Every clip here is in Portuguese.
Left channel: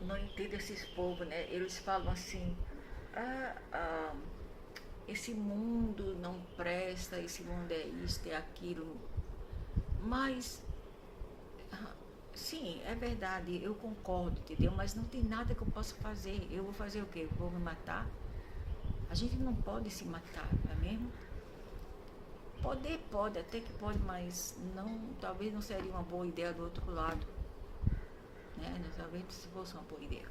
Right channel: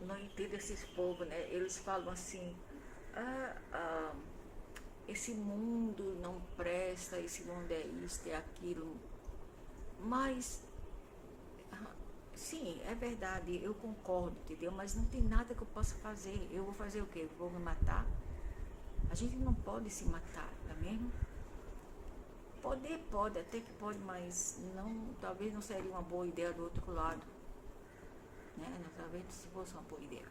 Não entendo esses povos, né? Eles falam assim, ah, ah, esse mundo não presta, esse mundo é isto, é aquilo. Mas, sim, é verdade, eu concordo, entendeu? Mas não tem nada que eu possa fazer. Eu vou fazer o quê? Eu vou me matar? A gente não pode se matar, não é mesmo? Poder pode, até que pode, mas não, talvez não seria uma boa ideia do outro lado, né? Talvez se fosse uma boa ideia.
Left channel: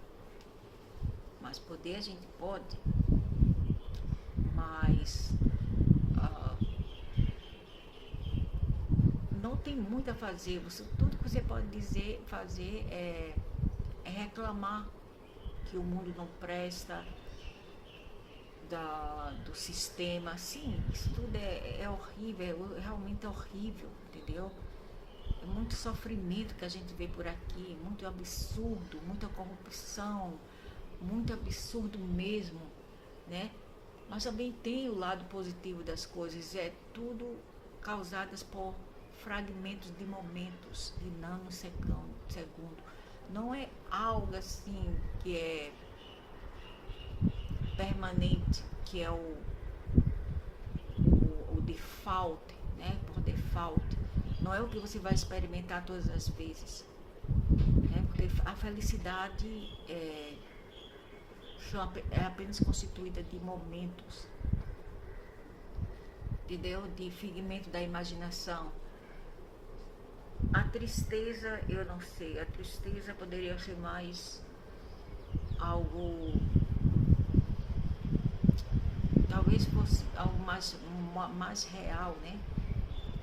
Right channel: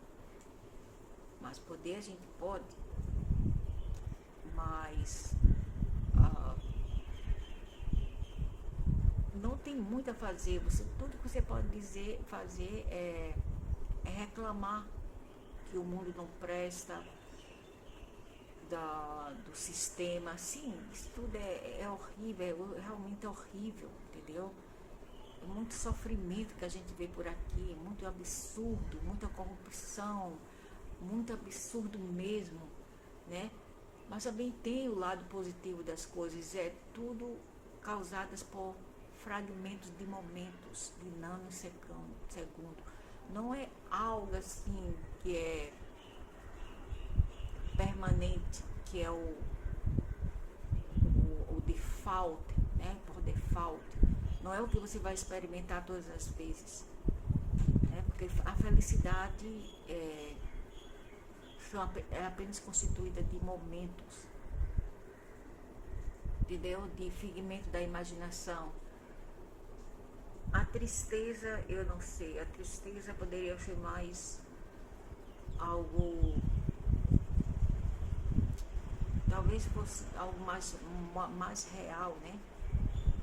Mas poder a gente pode, mas ah, não tem muito a fazer. Tudo que você pode fazer é reclamar que o mundo não presta, do sistema. Sim, isso tudo é horrível, realmente é horrível, entendeu? É muito sofrimento que a gente vê por aqui, muito absurdo, muita corrupção, muito absurdo mesmo, né? Mas também tem o lado positivo das coisas, é tudo causadas por fragmentos de momentos, de nanosegundo. Não é algo assim que é permanente, que é o default, né? Por default. Não é o que você vai experimentar todas as vezes, né? Porque a felicidade é apenas constituída de momentos, entendeu? De figmento da imaginação. A tristeza, eu não sei, a tristeza poderia ser mais algo, talvez fosse algo mais real, né?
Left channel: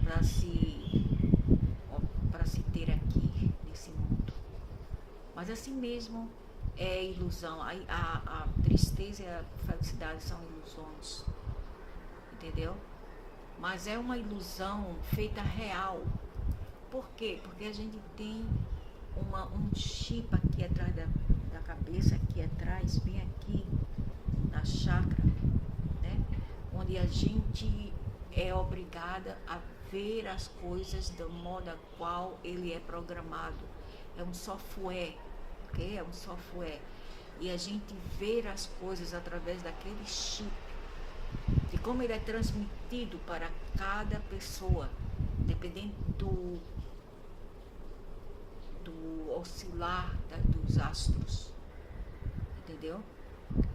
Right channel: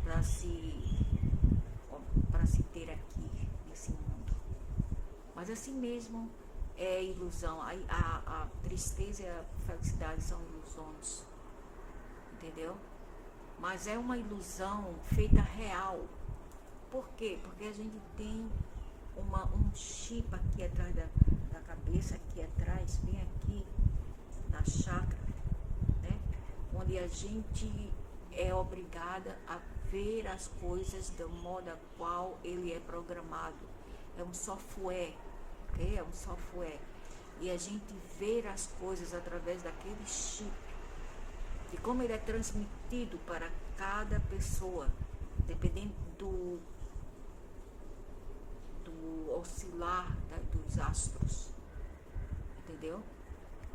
Para se, para se ter aqui nesse mundo. Mas assim mesmo é ilusão. A tristeza e a felicidade são ilusões, entendeu? Mas é uma ilusão feita real. Por quê? Porque a gente tem um chip aqui atrás da cabeça, aqui atrás, bem aqui na chakra, né? Onde a gente é obrigada a ver as coisas do modo a qual ele é programado. É um software, ok? É um software. E a gente vê as coisas através daquele chip, de como ele é transmitido para cada pessoa, dependendo do oscilar dos astros, entendeu?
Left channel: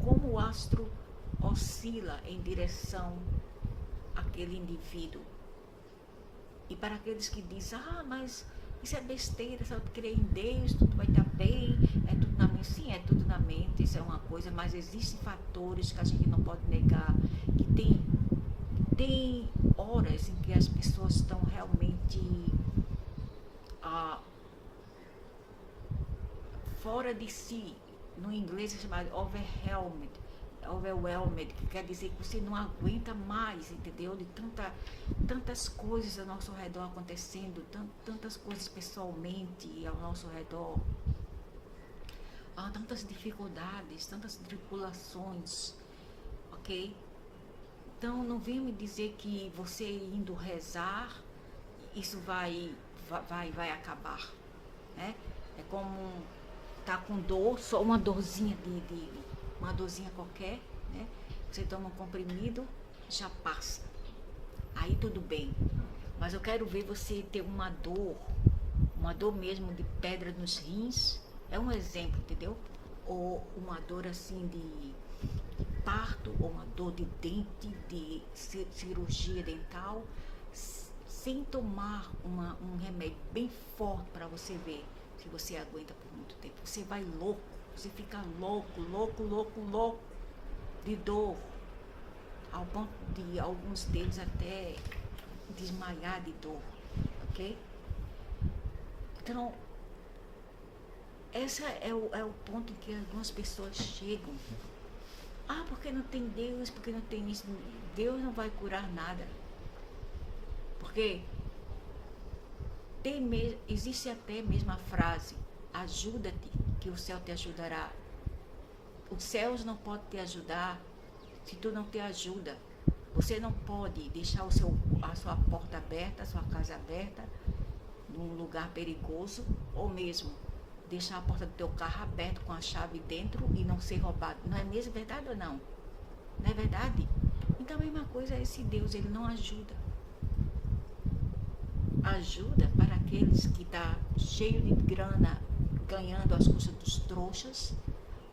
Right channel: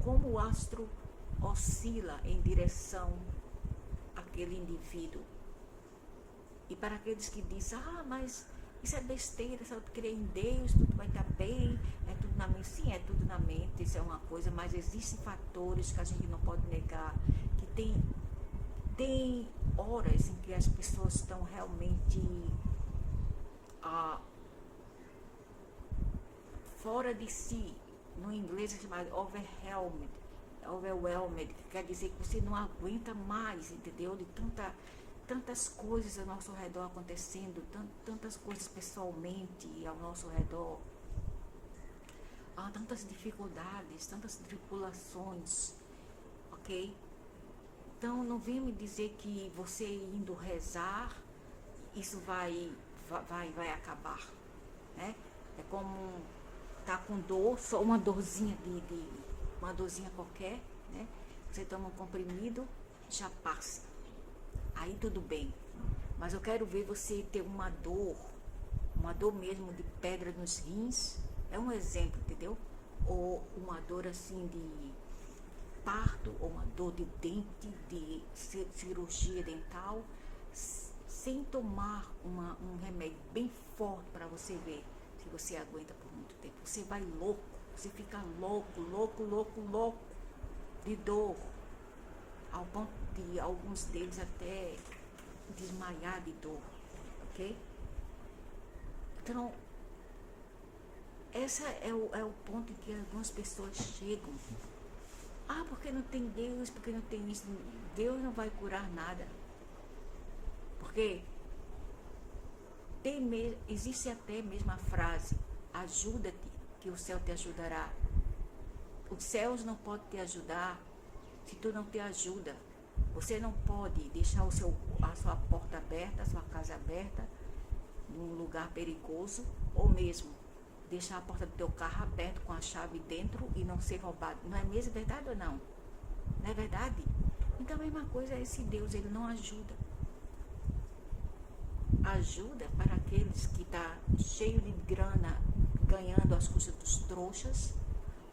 Como o astro oscila em direção àquele indivíduo. E para aqueles que dizem, mas isso é besteira, só crer em Deus, tudo vai estar bem, é tudo na mente. Sim, é tudo na mente, isso é uma coisa, mas existem fatores que a gente não pode negar, que tem horas em que as pessoas estão realmente ah, fora de si. No inglês é chamado overwhelmed, que quer dizer que você não aguenta mais, entendeu? De tantas coisas ao nosso redor acontecendo, tantas coisas pessoalmente ao nosso redor, há tantas dificuldades, tantas tribulações, ok? Então não venha me dizer que você indo rezar, isso vai acabar, né? É como tá com dor, só uma dorzinha uma dorzinha qualquer, né? Você toma um comprimido, já passa. Aí tudo bem. Mas eu quero ver você ter uma dor mesmo de pedra nos rins, é um exemplo, entendeu? Ou uma dor assim de parto, ou uma dor de dente, de cirurgia dental, sem tomar um remédio bem forte para você ver se você aguenta por muito tempo. Você vai louco, você fica louco de dor, ao ponto de alguns deles até desmaiar de dor, ok? Então, esse é o ponto em que algumas pessoas chegam. Porque não tem Deus, porque não tem isso. Deus não vai curar nada. Porque existe até mesmo a frase, ajuda-te, que o céu te ajudará. Os céus não podem te ajudar se tu não te ajuda. Você não pode deixar a sua porta aberta, a sua casa aberta, num lugar perigoso, ou mesmo deixar a porta do teu carro aberta com a chave dentro e não ser roubado. Não é mesmo verdade ou não? Não é verdade? Então a mesma coisa é esse Deus, ele não ajuda. Ajuda para aqueles que tá cheio de grana, ganhando as custas dos trouxas,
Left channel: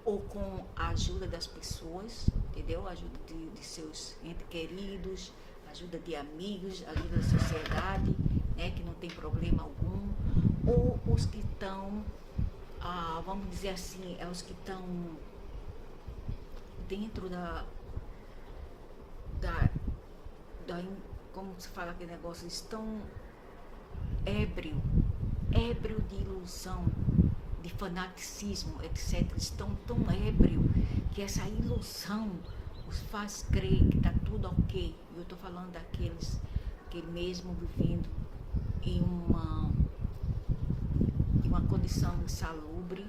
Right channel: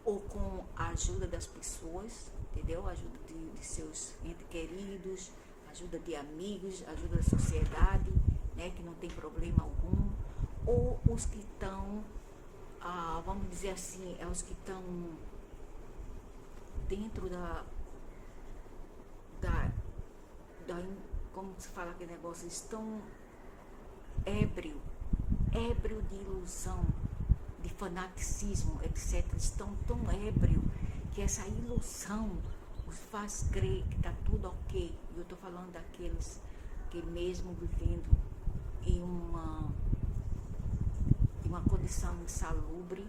ou com a ajuda das pessoas, entendeu? Ajuda de seus entes queridos, ajuda de amigos, ajuda da sociedade, né, que não tem problema algum, ou os que estão, vamos dizer assim, é os que estão dentro da, como se fala aquele negócio, estão ébrio de ilusão, de fanaticismo, etc. Estão tão ébrio que essa ilusão os faz crer que está tudo ok. Eu estou falando daqueles que mesmo vivendo em uma condição insalubre,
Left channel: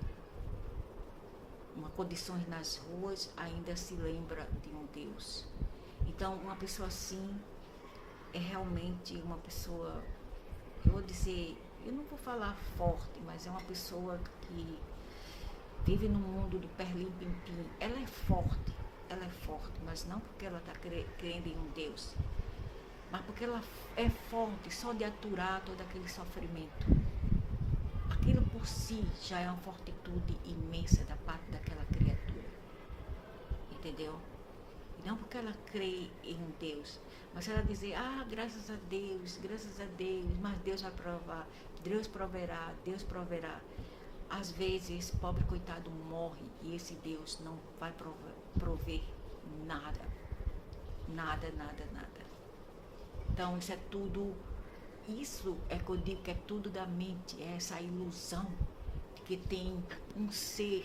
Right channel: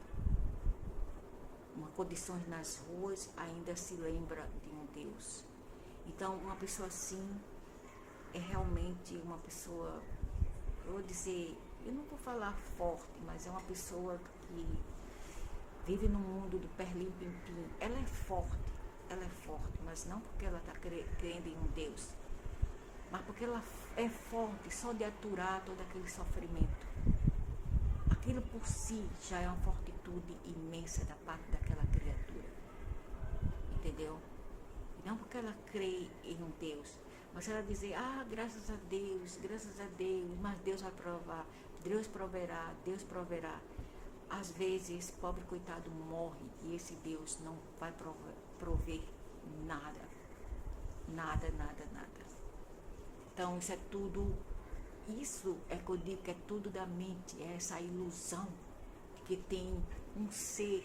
uma condições nas ruas, ainda se lembra de um Deus. Então, uma pessoa assim é realmente uma pessoa, eu vou dizer, eu não vou falar forte, mas é uma pessoa que vive no mundo do perlim-pim-pim. Ela é forte, mas não porque ela está crendo em um Deus, mas porque ela é forte só de aturar todo aquele sofrimento. Aquilo por si já é uma fortitude imensa da parte daquela criatura, entendeu? E não porque ela crê em um Deus, mas ela dizer, graças a Deus, mas Deus vai provar, Deus proverá. Às vezes esse pobre coitado morre e esse Deus não vai prover nada. Então isso é que eu digo que é tudo da mente, é essa ilusão de que tem um ser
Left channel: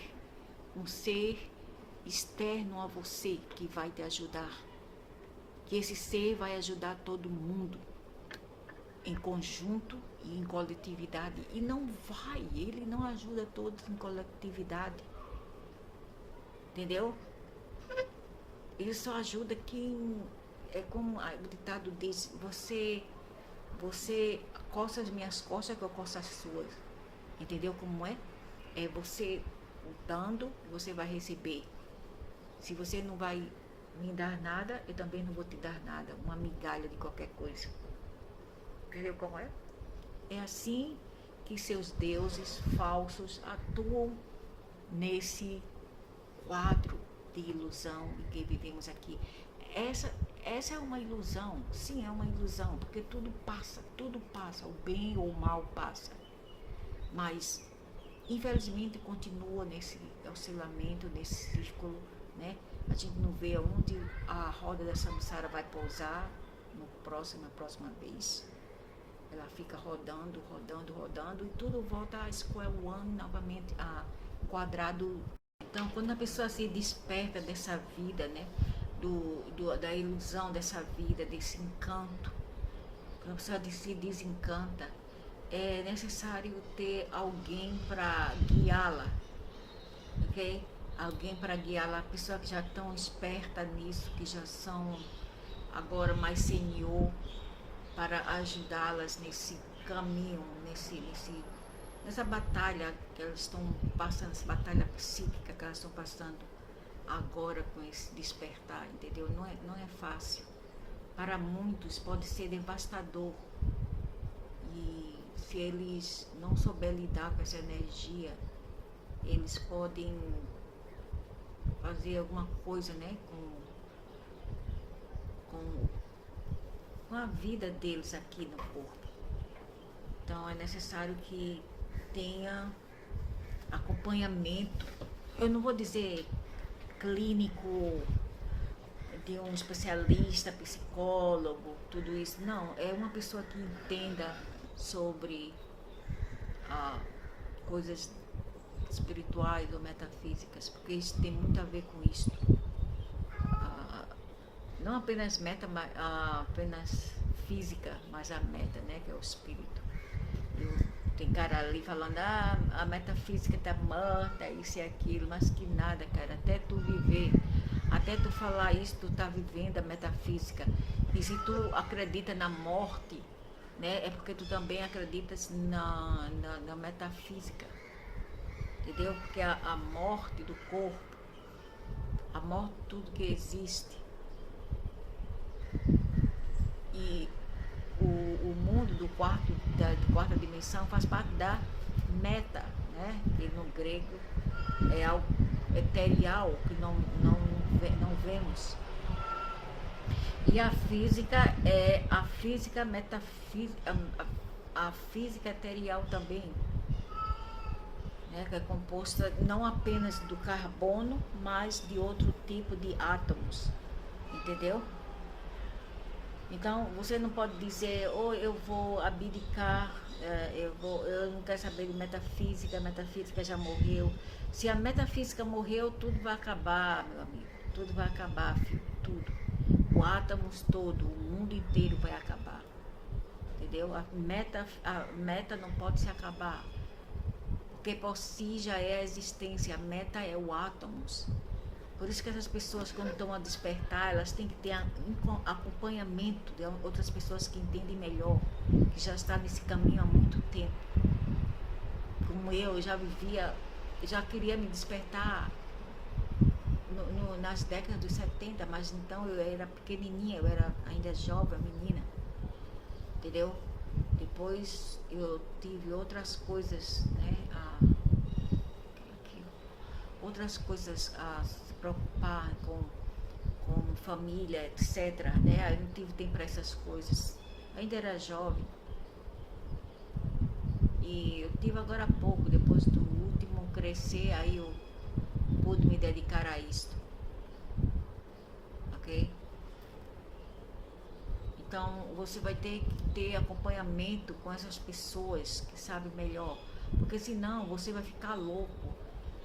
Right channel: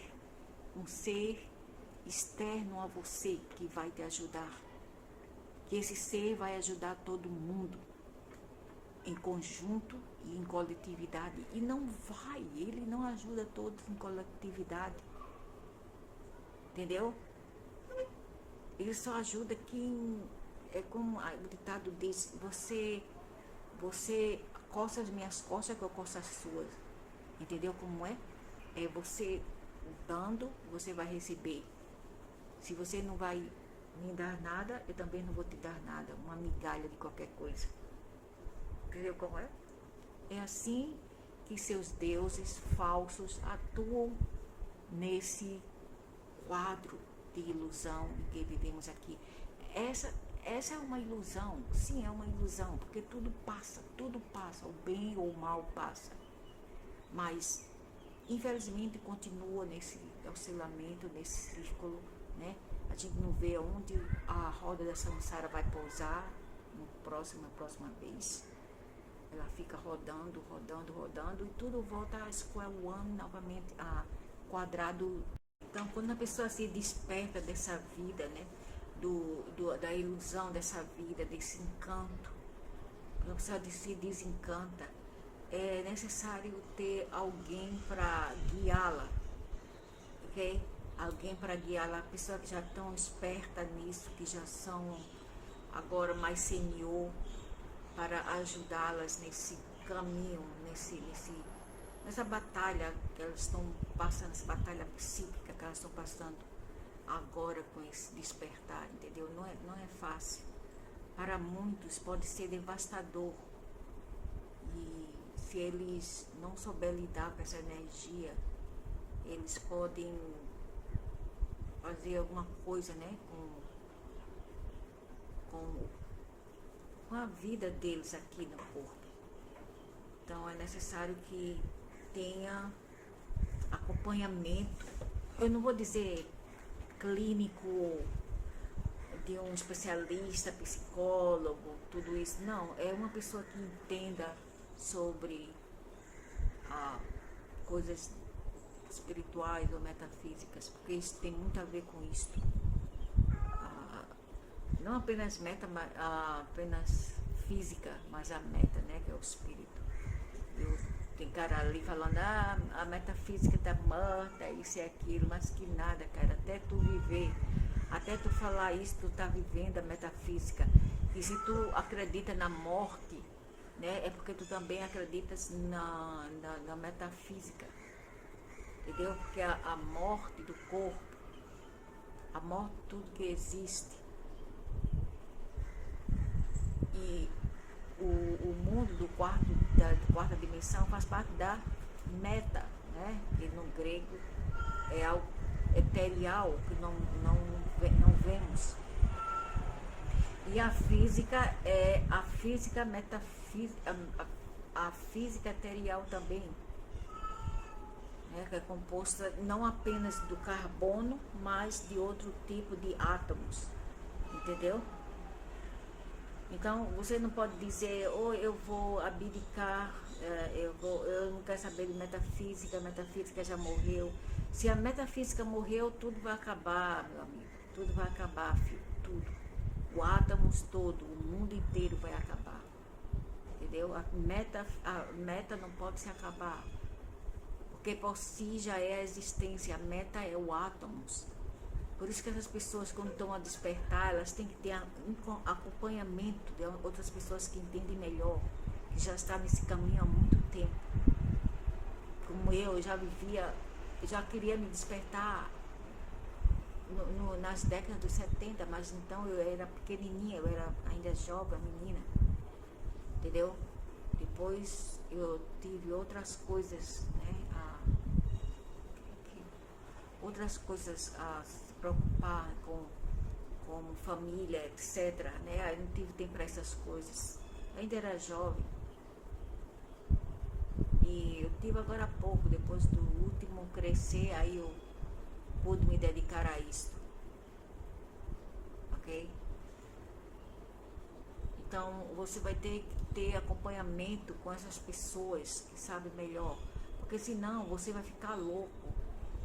externo a você que vai te ajudar, que esse ser vai ajudar todo mundo em conjunto e em coletividade, e ele não ajuda todos em coletividade, entendeu? Ele só ajuda quem, é como o ditado diz, você coça as minhas costas que eu coço as suas, entendeu como é? É você dando, você vai receber. Se você não vai me dar nada, eu também não vou te dar nada, uma migalha de qualquer coisa. Entendeu como é? É assim que seus deuses falsos atuam nesse quadro de ilusão em que vivemos aqui. Essa é uma ilusão, sim, é uma ilusão, porque tudo passa, o bem ou o mal passa. Mas, infelizmente, continua nesse oscilamento, nesse círculo, né? A gente não vê onde a roda da samsara vai pousar na próxima vez. Ela fica rodando, e tudo volta a square one novamente, a quadrado. Então, quando a pessoa se desperta dessa vida, né, da ilusão dessa vida, desse encanto, quando a pessoa se desencanta, é necessário ter alguém para guiá-la, ok? Alguém para guiá-la, a pessoa que já estão esperta nisso, que já são agora mais senior, para ajudá-las nesse caminho, nessa batalha que elas estão passando, essa batalha psíquica que elas estão passando agora com esse despertar, entendeu? Não é fácil. Para muitos pode ser devastador. E se eles não souberem lidar com essa energia, eles podem fazer alguma coisa, né, com a vida deles aqui no corpo. Então é necessário que tenha acompanhamento, eu não vou dizer clínico, de um especialista, psicólogo, tudo isso, não, é uma pessoa que entenda sobre coisas espirituais ou metafísicas, porque isso tem muito a ver com isso. Não apenas apenas física, mas a meta, né, que é o espírito. Tem cara ali falando, a metafísica tá morta, isso e aquilo, mas que nada, cara, até tu viver, até tu falar isso, tu tá vivendo a metafísica. E se tu acredita na morte, né, é porque tu também acreditas na metafísica. entendeu? Porque a morte do corpo, a morte de tudo que existe, e o mundo da quarta dimensão faz parte da meta, né? Que no grego é algo eterial que não vemos. E a física é a física metafísica, a física eterial também, né? Que é composta não apenas do carbono, mas de outro tipo de átomos, entendeu? Então você não pode dizer, eu vou abdicar, eu não quero saber de metafísica, a metafísica já morreu. Se a metafísica morreu, tudo vai acabar, meu amigo, tudo vai acabar, filho, tudo. O átomos todo, o mundo inteiro vai acabar, entendeu? A meta não pode se acabar, porque por si já é a existência, a meta é o átomos. Por isso que essas pessoas, quando estão a despertar, elas têm que ter acompanhamento de outras pessoas que entendem melhor, que já estão nesse caminho há muito tempo. Como eu já vivia, já queria me despertar nas décadas dos 70, mas então eu era pequenininha, eu era ainda jovem, menina, entendeu? Depois eu tive outras coisas, né? Outras coisas a se preocupar com família, etc, né? Eu não tive tempo para essas coisas. Eu ainda era jovem. E eu tive agora há pouco, depois do último crescer, aí eu pude me dedicar a isto. Ok? Então você vai ter que ter acompanhamento com essas pessoas que sabem melhor. Porque senão você vai ficar louco.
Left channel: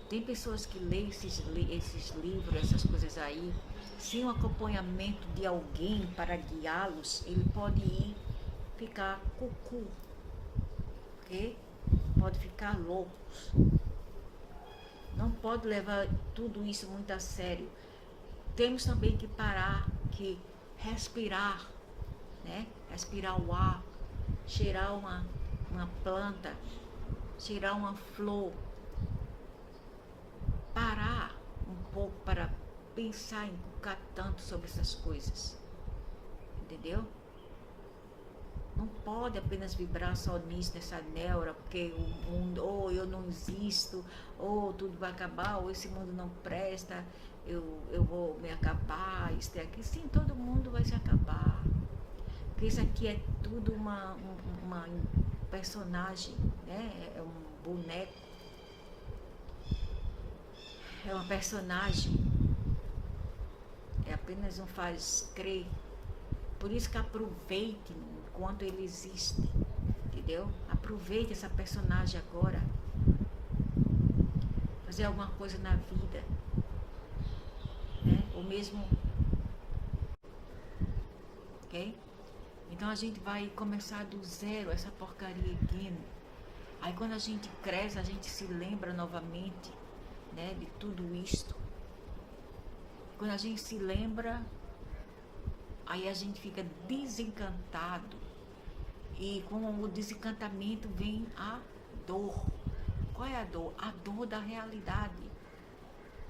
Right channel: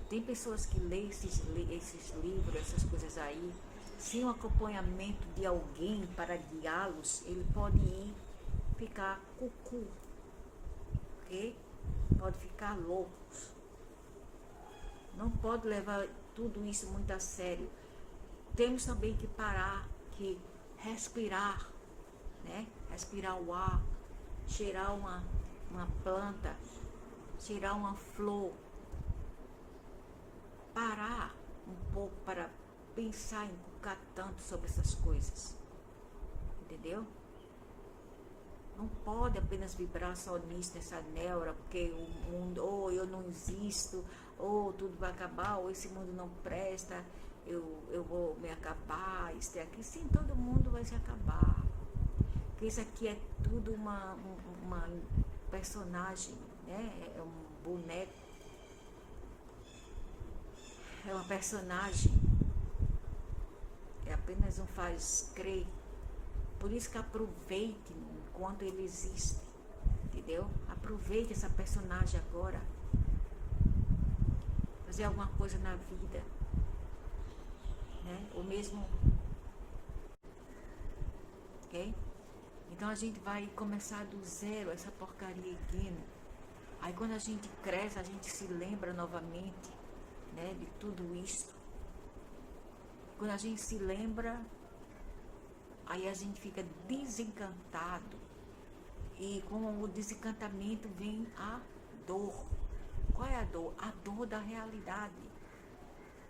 Tem pessoas que leem esses livros, essas coisas aí, sem o acompanhamento de alguém para guiá-los, ele pode ir ficar cucu, ok? Pode ficar loucos. Não pode levar tudo isso muito a sério. Temos também que parar, que respirar, né? Respirar o ar, cheirar uma planta, cheirar uma flor. Parar um pouco para pensar em inculcar tanto sobre essas coisas, entendeu? Não pode apenas vibrar só nisso, nessa neura, porque o mundo, ou eu não existo, ou tudo vai acabar, ou esse mundo não presta, eu vou me acabar, isso e aqui. Sim, todo mundo vai se acabar, porque isso aqui é tudo uma personagem, né? É um boneco. É uma personagem, é apenas um faz crer. Por isso que aproveite enquanto ele existe, entendeu? Aproveite essa personagem agora, fazer alguma coisa na vida, né? Ou mesmo, ok? Então a gente vai começar do zero essa porcaria again. Aí quando a gente cresce, a gente se lembra novamente, né, de tudo isto. Quando a gente se lembra, aí a gente fica desencantado, e com o desencantamento vem a dor. Qual é a dor? A dor da realidade.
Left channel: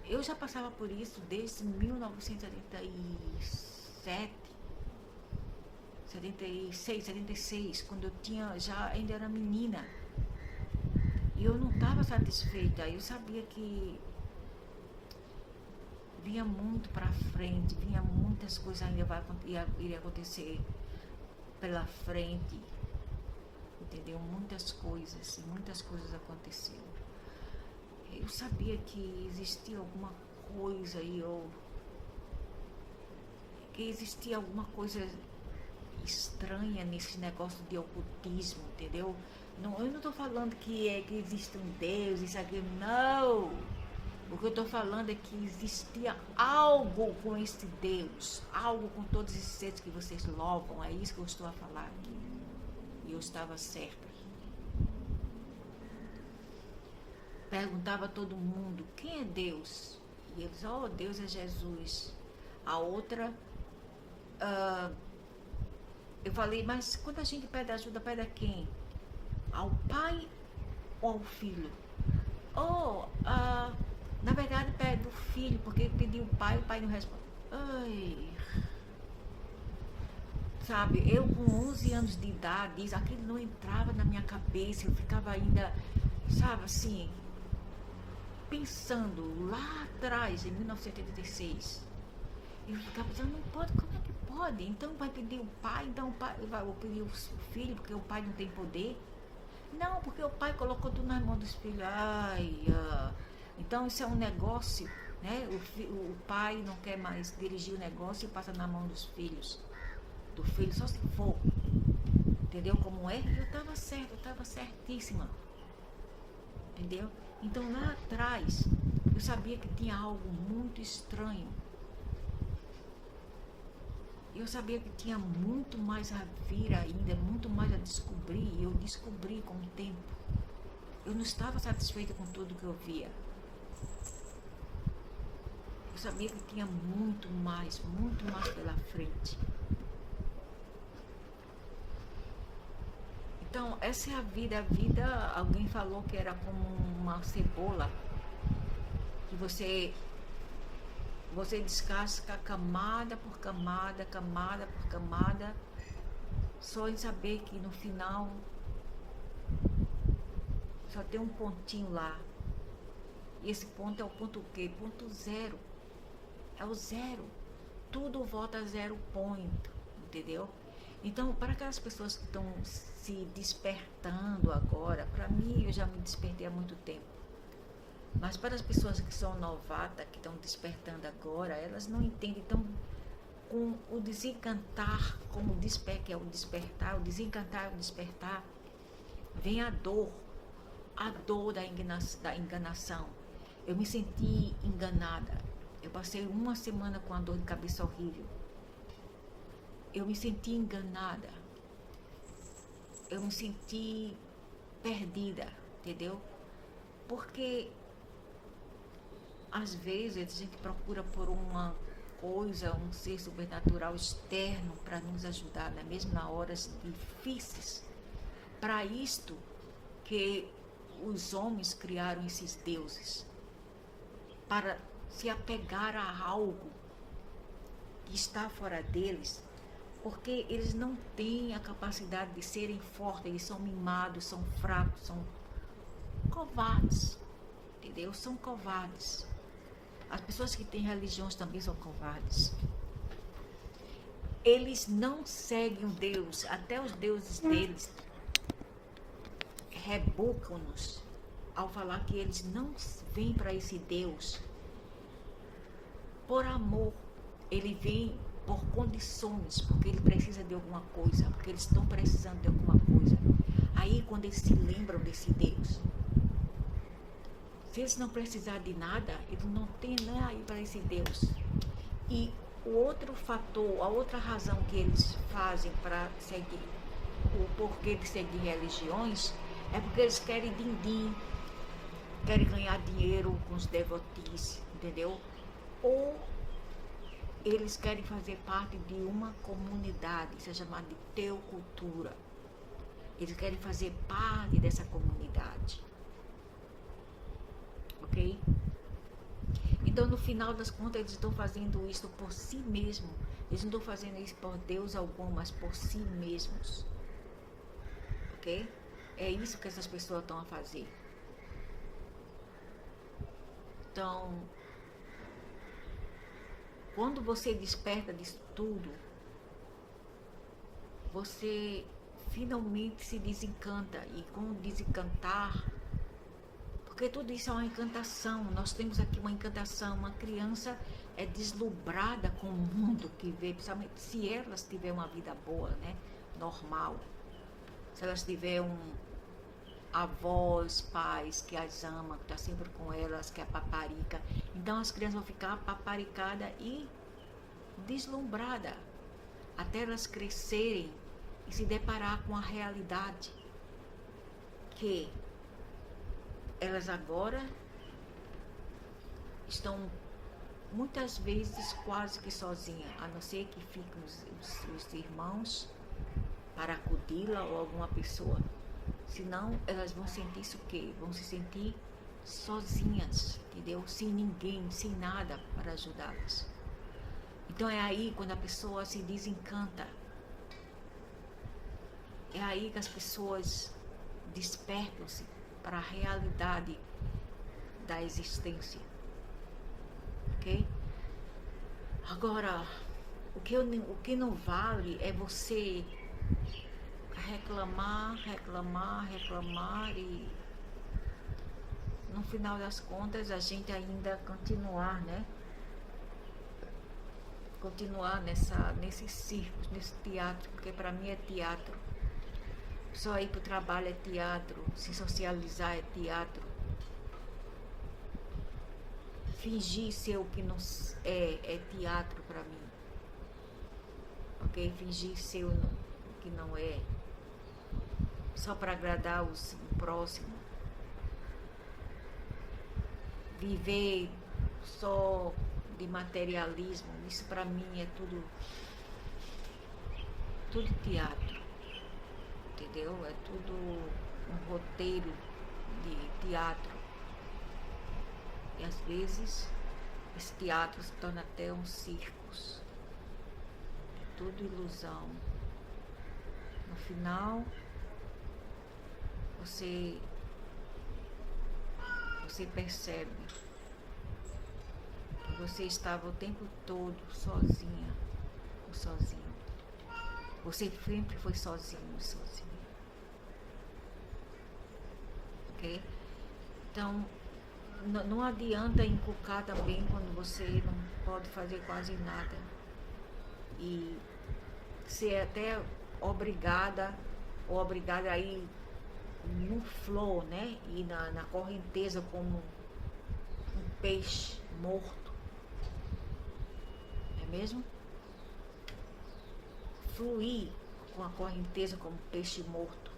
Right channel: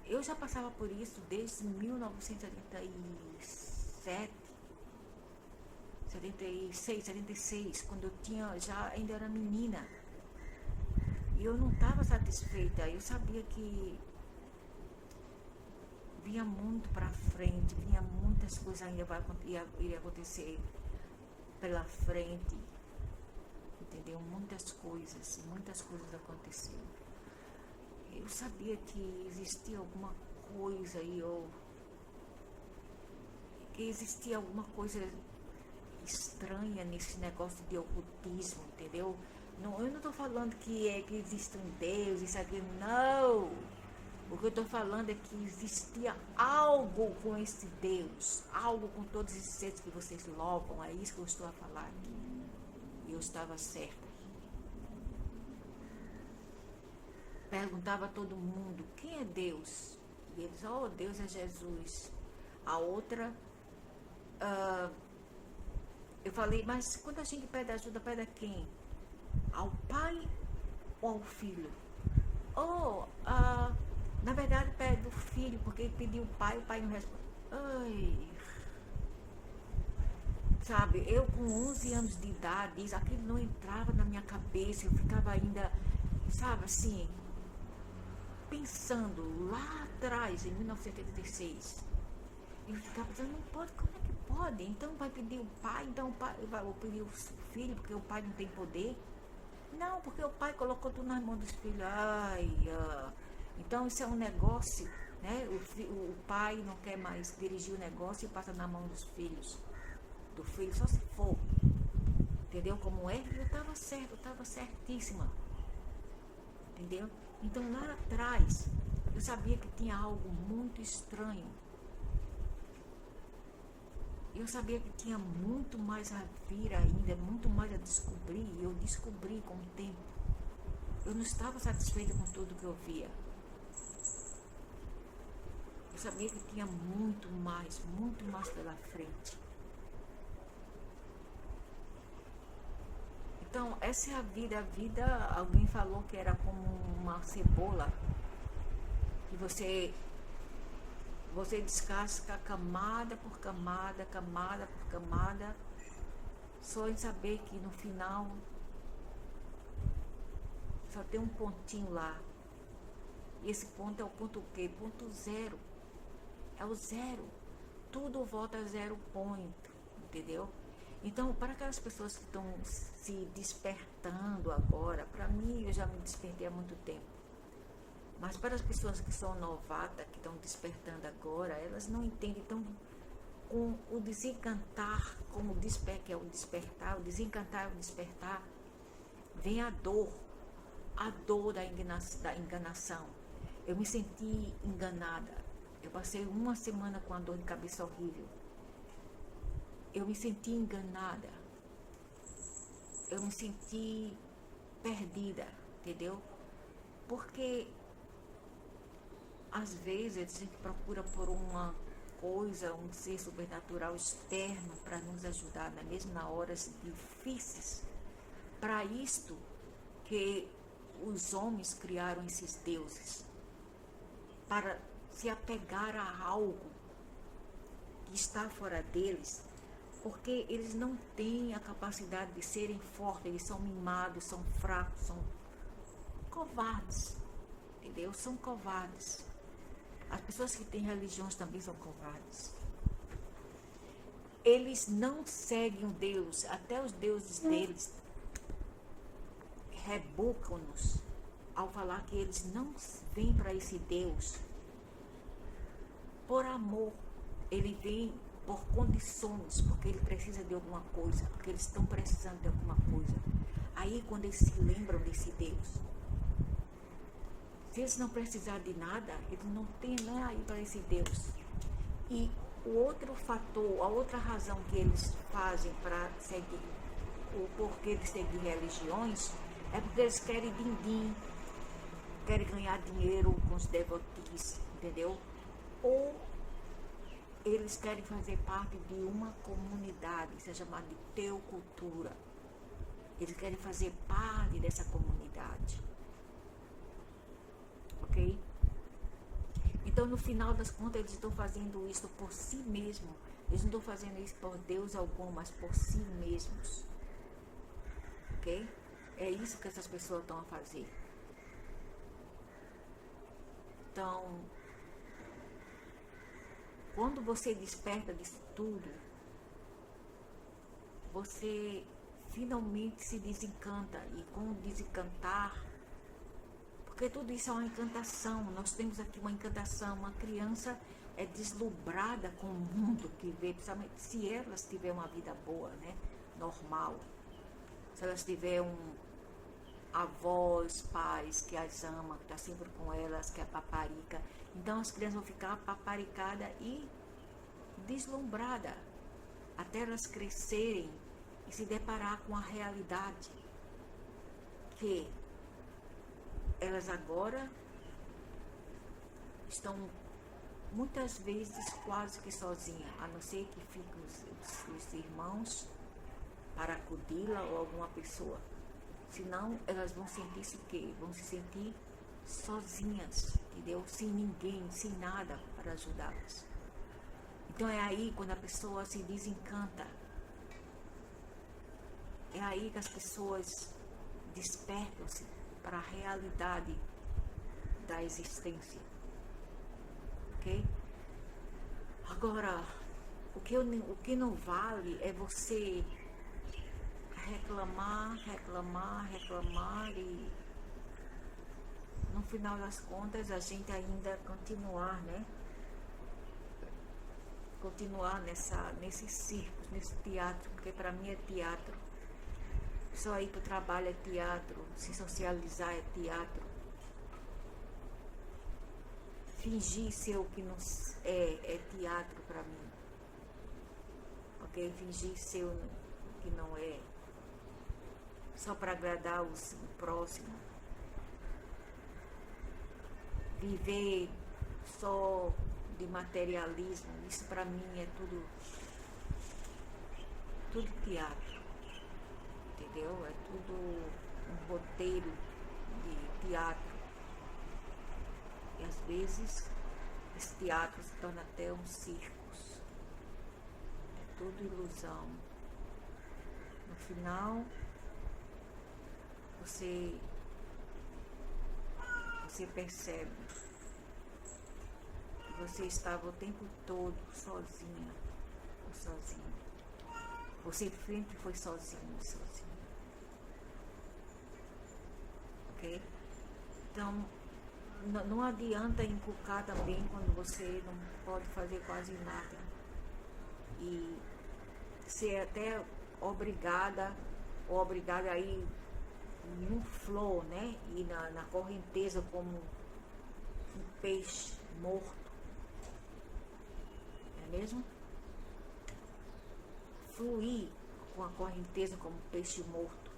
Eu já passava por isso desde 1977, 76, 76, quando eu ainda era menina. E eu não estava satisfeita. Eu sabia que vinha muito para frente, vinha muitas coisas ainda iria acontecer pela frente, entendeu? Muitas coisas aconteceram. Eu sabia que existia alguma coisa aí, ou que existia alguma coisa estranha nesse negócio de ocultismo, entendeu? Não, eu não estou falando que existe um Deus, isso aqui, não. O que eu estou falando é que existia algo com esse Deus, algo com todos esses seres que vocês louvam. É isso que eu estou a falar aqui. E eu estava certa. Perguntava a todo mundo, quem é Deus? E eles, Deus é Jesus. A outra, eu falei, mas quando a gente pede ajuda, pede a quem? Ao Pai ou ao Filho? Ou, na verdade, pede do filho, porque pediu o pai não responde. Ai, sabe, eu com 11 anos de idade, aquilo não entrava na minha cabeça, eu ficava ainda, sabe, assim, pensando lá atrás, em 1986. Eu ficava pensando, não pode, como é que pode? Então vai pedir o pai, então o pai vai pedir o filho, porque o pai não tem poder. Não, porque o pai colocou tudo nas mãos dos filhos. Ai, então isso é um negócio, né? O pai não quer mais dirigir o negócio e passa na mão dos filhos. Do filho, só se for. Entendeu como é? Eu estava certa, eu estava certíssima. Entendeu? Então lá atrás, eu sabia que tinha algo muito estranho. Eu sabia que tinha muito mais a vir ainda, muito mais a descobrir. E eu descobri com o tempo. Eu não estava satisfeita com tudo que eu via. Eu sabia que tinha muito mais pela frente. Então, essa é a vida. A vida, alguém falou que era como uma cebola, que você descasca camada por camada, camada por camada, só em saber que no final só tem um pontinho lá. E esse ponto é o ponto o quê? Ponto zero. É o zero. Tudo volta a zero point, entendeu? Então, para aquelas pessoas que estão se despertando agora, para mim, eu já me despertei há muito tempo. Mas para as pessoas que são novatas, que estão despertando agora, elas não entendem. Então, com o desencantar, como que é o despertar, o desencantar, o despertar, vem a dor da enganação. Eu me senti enganada. Eu passei uma semana com uma dor de cabeça horrível. Eu me senti enganada. Eu me senti perdida, entendeu? Porque às vezes a gente procura por uma coisa, um ser sobrenatural externo para nos ajudar, né? Mesmo nas horas difíceis. Para isto que os homens criaram esses deuses, para se apegar a algo que está fora deles, porque eles não têm a capacidade de serem fortes, eles são mimados, são fracos, são covardes, entendeu? São covardes. As pessoas que têm religiões também são covardes. Eles não seguem o Deus, até os deuses deles rebocam-nos ao falar que eles não vêm para esse Deus por amor. Ele vem por condições, porque ele precisa de alguma coisa, porque eles estão precisando de alguma coisa. Aí quando eles se lembram desse Deus, se eles não precisarem de nada, eles não têm nem aí para esse Deus. E o outro fator, a outra razão que eles fazem para seguir, o porquê de seguir religiões, é porque eles querem din-din, querem ganhar dinheiro com os devotis, entendeu? Ou eles querem fazer parte de uma comunidade, isso é chamado de teocultura. Eles querem fazer parte dessa comunidade. Ok? Então, no final das contas, eles estão fazendo isso por si mesmos. Eles não estão fazendo isso por Deus algum, mas por si mesmos. Ok? É isso que essas pessoas estão a fazer. Então, quando você desperta disso tudo, você finalmente se desencanta. E com o desencantar, porque tudo isso é uma encantação. Nós temos aqui uma encantação. Uma criança é deslumbrada com o mundo que vê, principalmente se elas tiverem uma vida boa, né? Normal. Se elas tiverem avós, pais que as amam, que está sempre com elas, que é paparica. Então as crianças vão ficar paparicadas e deslumbradas até elas crescerem e se deparar com a realidade que elas agora estão muitas vezes quase que sozinhas, a não ser que fiquem os irmãos para acudi-la ou alguma pessoa. Senão elas vão sentir isso o quê? Vão se sentir sozinhas, entendeu? Sem ninguém, sem nada para ajudá-las. Então é aí quando a pessoa se desencanta. É aí que as pessoas despertam-se para a realidade da existência. Ok? Agora, o que não vale é você reclamar e no final das contas a gente ainda continuar, né? Continuar nesse circo, nesse teatro, porque para mim é teatro. Só ir para o trabalho é teatro, se socializar é teatro. Fingir ser o que não é teatro para mim. Ok? Fingir ser o que não é. Só para agradar o próximo. Viver só de materialismo, isso para mim é tudo teatro, entendeu? É tudo um roteiro de teatro. E às vezes esse teatro se torna até um circo. É tudo ilusão. No final, você percebe que você estava o tempo todo sozinha ou sozinho. Você sempre foi sozinho. Ok? Então, não adianta inculcar também quando você não pode fazer quase nada. E ser até obrigada a ir no flow, né? E na correnteza como um peixe morto. Não é mesmo? Fluir com a correnteza como um peixe morto.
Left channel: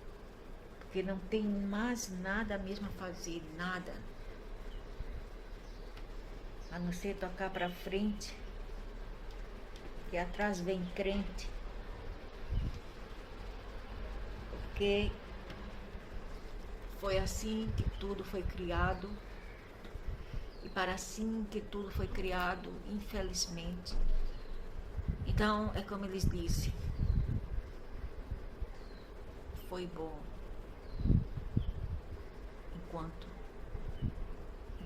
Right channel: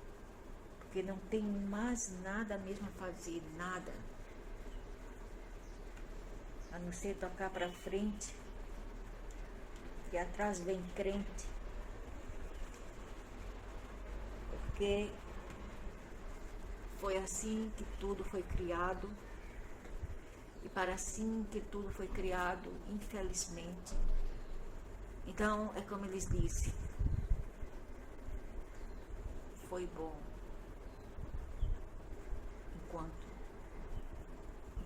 Porque não tem mais nada mesmo a fazer, nada. A não ser tocar para frente. E atrás vem crente. Porque foi assim que tudo foi criado. E para assim que tudo foi criado, infelizmente. Então, é como eles disse. Foi bom. Enquanto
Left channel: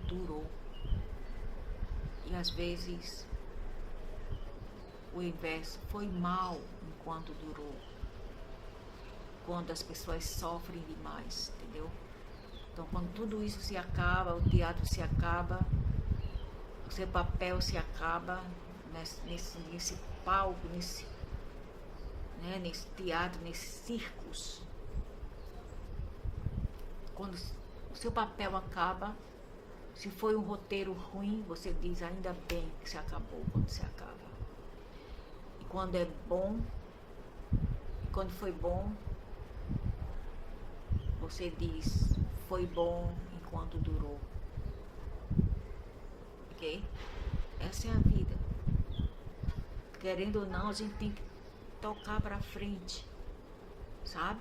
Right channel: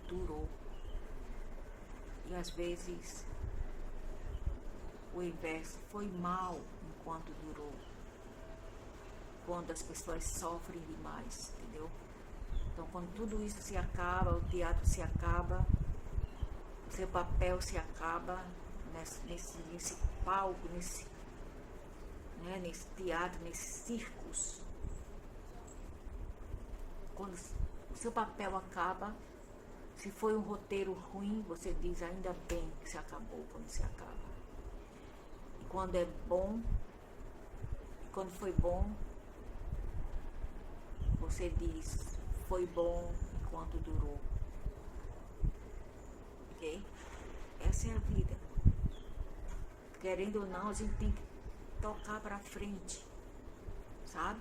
durou. E às vezes o inverso, foi mal enquanto durou. Quando as pessoas sofrem demais, entendeu? Então, quando tudo isso se acaba, o teatro se acaba, o seu papel se acaba nesse palco, nesse teatro, nesses circos. Quando o seu papel acaba, se foi um roteiro ruim, você diz ainda bem que se acabou quando se acaba. E quando é bom, quando foi bom, você diz, foi bom enquanto durou. Ok? Essa é a vida. Querendo ou não, a gente tem que tocar pra frente, sabe?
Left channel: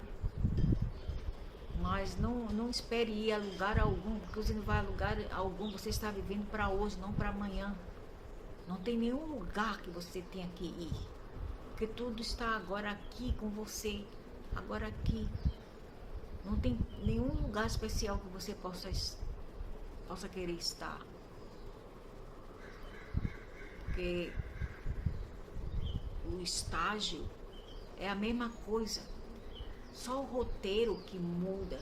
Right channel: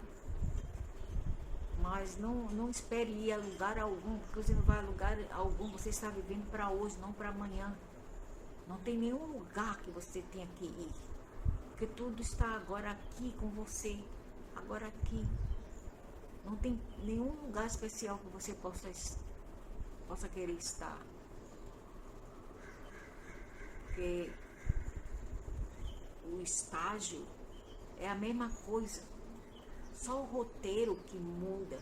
Mas não espere ir a lugar algum, porque você não vai a lugar algum, você está vivendo para hoje, não para amanhã. Não tem nenhum lugar que você tenha que ir, porque tudo está agora aqui com você, agora aqui. Não tem nenhum lugar especial que você possa querer estar. Porque o estágio é a mesma coisa. Só o roteiro que muda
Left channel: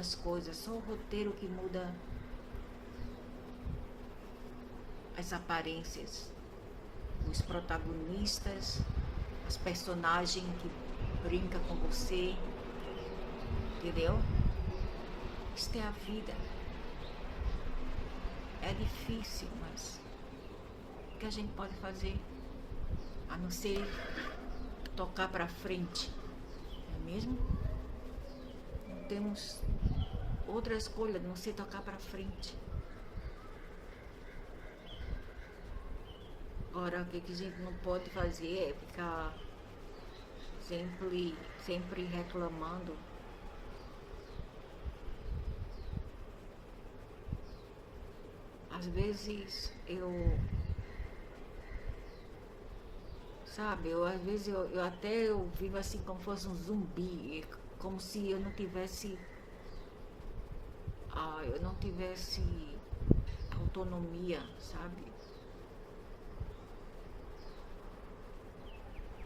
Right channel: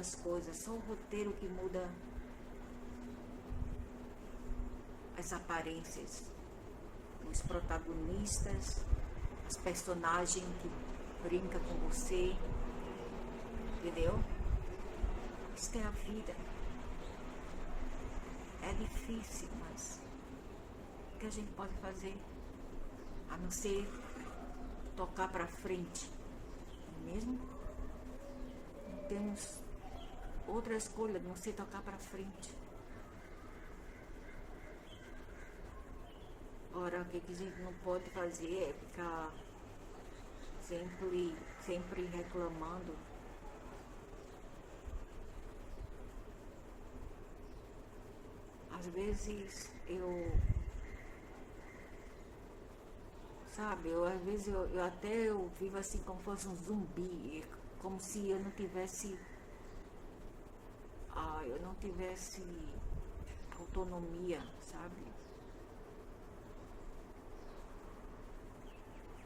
as coisas. Só o roteiro que muda as aparências. Os protagonistas, as personagens que brincam com você. Entendeu? Isto é a vida. É difícil, mas o que a gente pode fazer? A não ser tocar para frente, não é mesmo? Não temos outra escolha, a não ser tocar para frente. Agora, o que a gente não pode fazer é ficar sempre reclamando às vezes sabe, às vezes eu vivo assim como fosse um zumbi, como se eu não tivesse autonomia, sabe?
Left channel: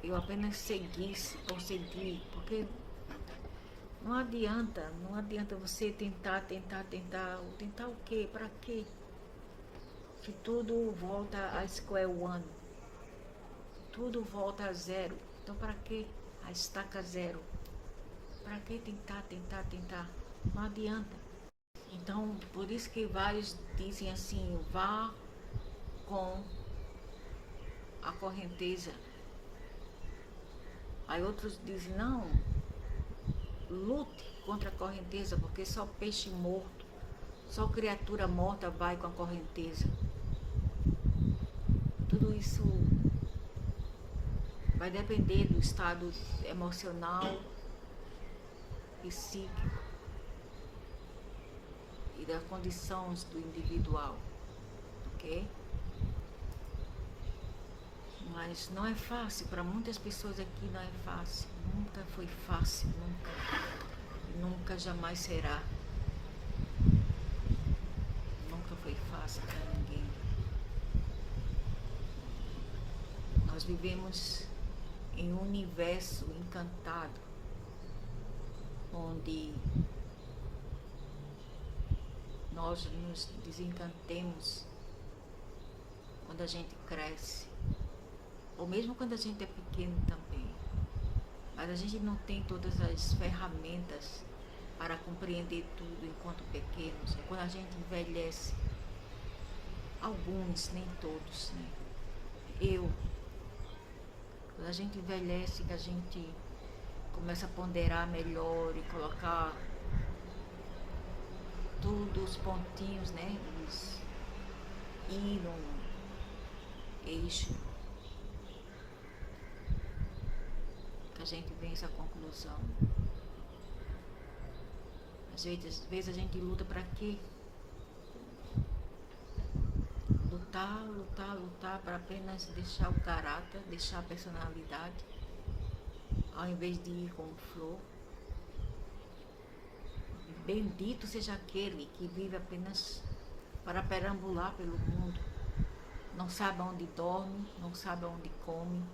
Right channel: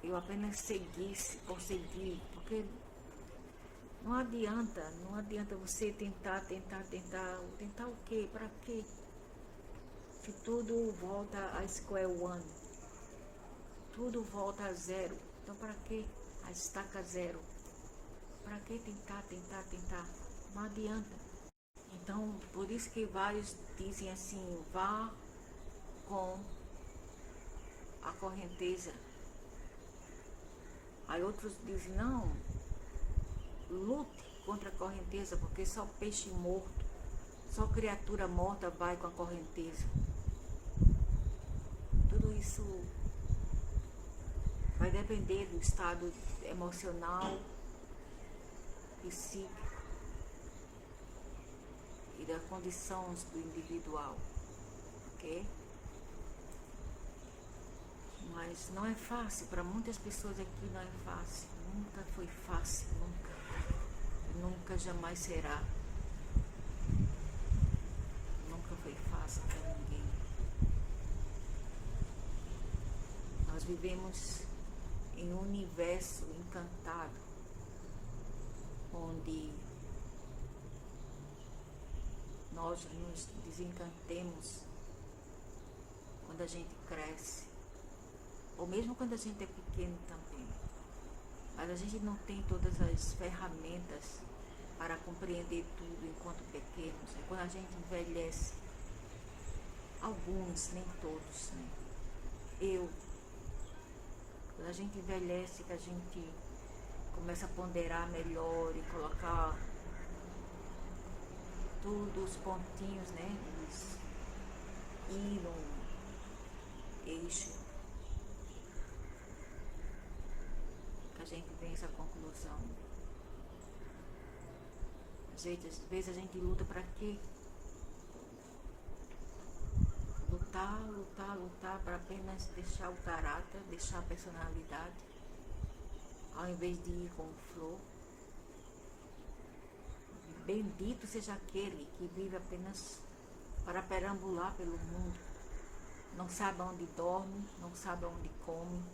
Eu apenas seguisse por seguir, porque não adianta você tentar o quê? Para quê? Se tudo volta a square one, tudo volta a zero, então para que a estaca zero? Para que tentar? Não adianta. Então, por isso que vários dizem assim, vá com a correnteza. Aí outros dizem, não, lute contra a correnteza, porque só peixe morto, só criatura morta vai com a correnteza. Tudo isso vai depender do estado emocional, psíquico e das condições do individual, ok? Mas não é fácil, para muitas pessoas aqui não é fácil, nunca foi fácil, nunca jamais será. Nunca foi fácil para ninguém. Nós vivemos em um universo encantado, onde nós nos desencantemos quando a gente cresce, ou mesmo quando a gente é pequeno também. Mas a gente não tem todas as ferramentas para compreender tudo enquanto pequenos. É quando a gente envelhece, alguns, nem todos, né? Quando a gente envelhece, que a gente começa a ponderar melhor e colocar tudo, os pontinhos, né? Eles ir num eixo, que a gente vem a essa conclusão. Às vezes a gente luta para quê? Lutar para apenas deixar o caráter, deixar a personalidade, ao invés de ir com flor. Bendito seja aquele que vive apenas para perambular pelo mundo, não sabe onde dorme, não sabe onde come,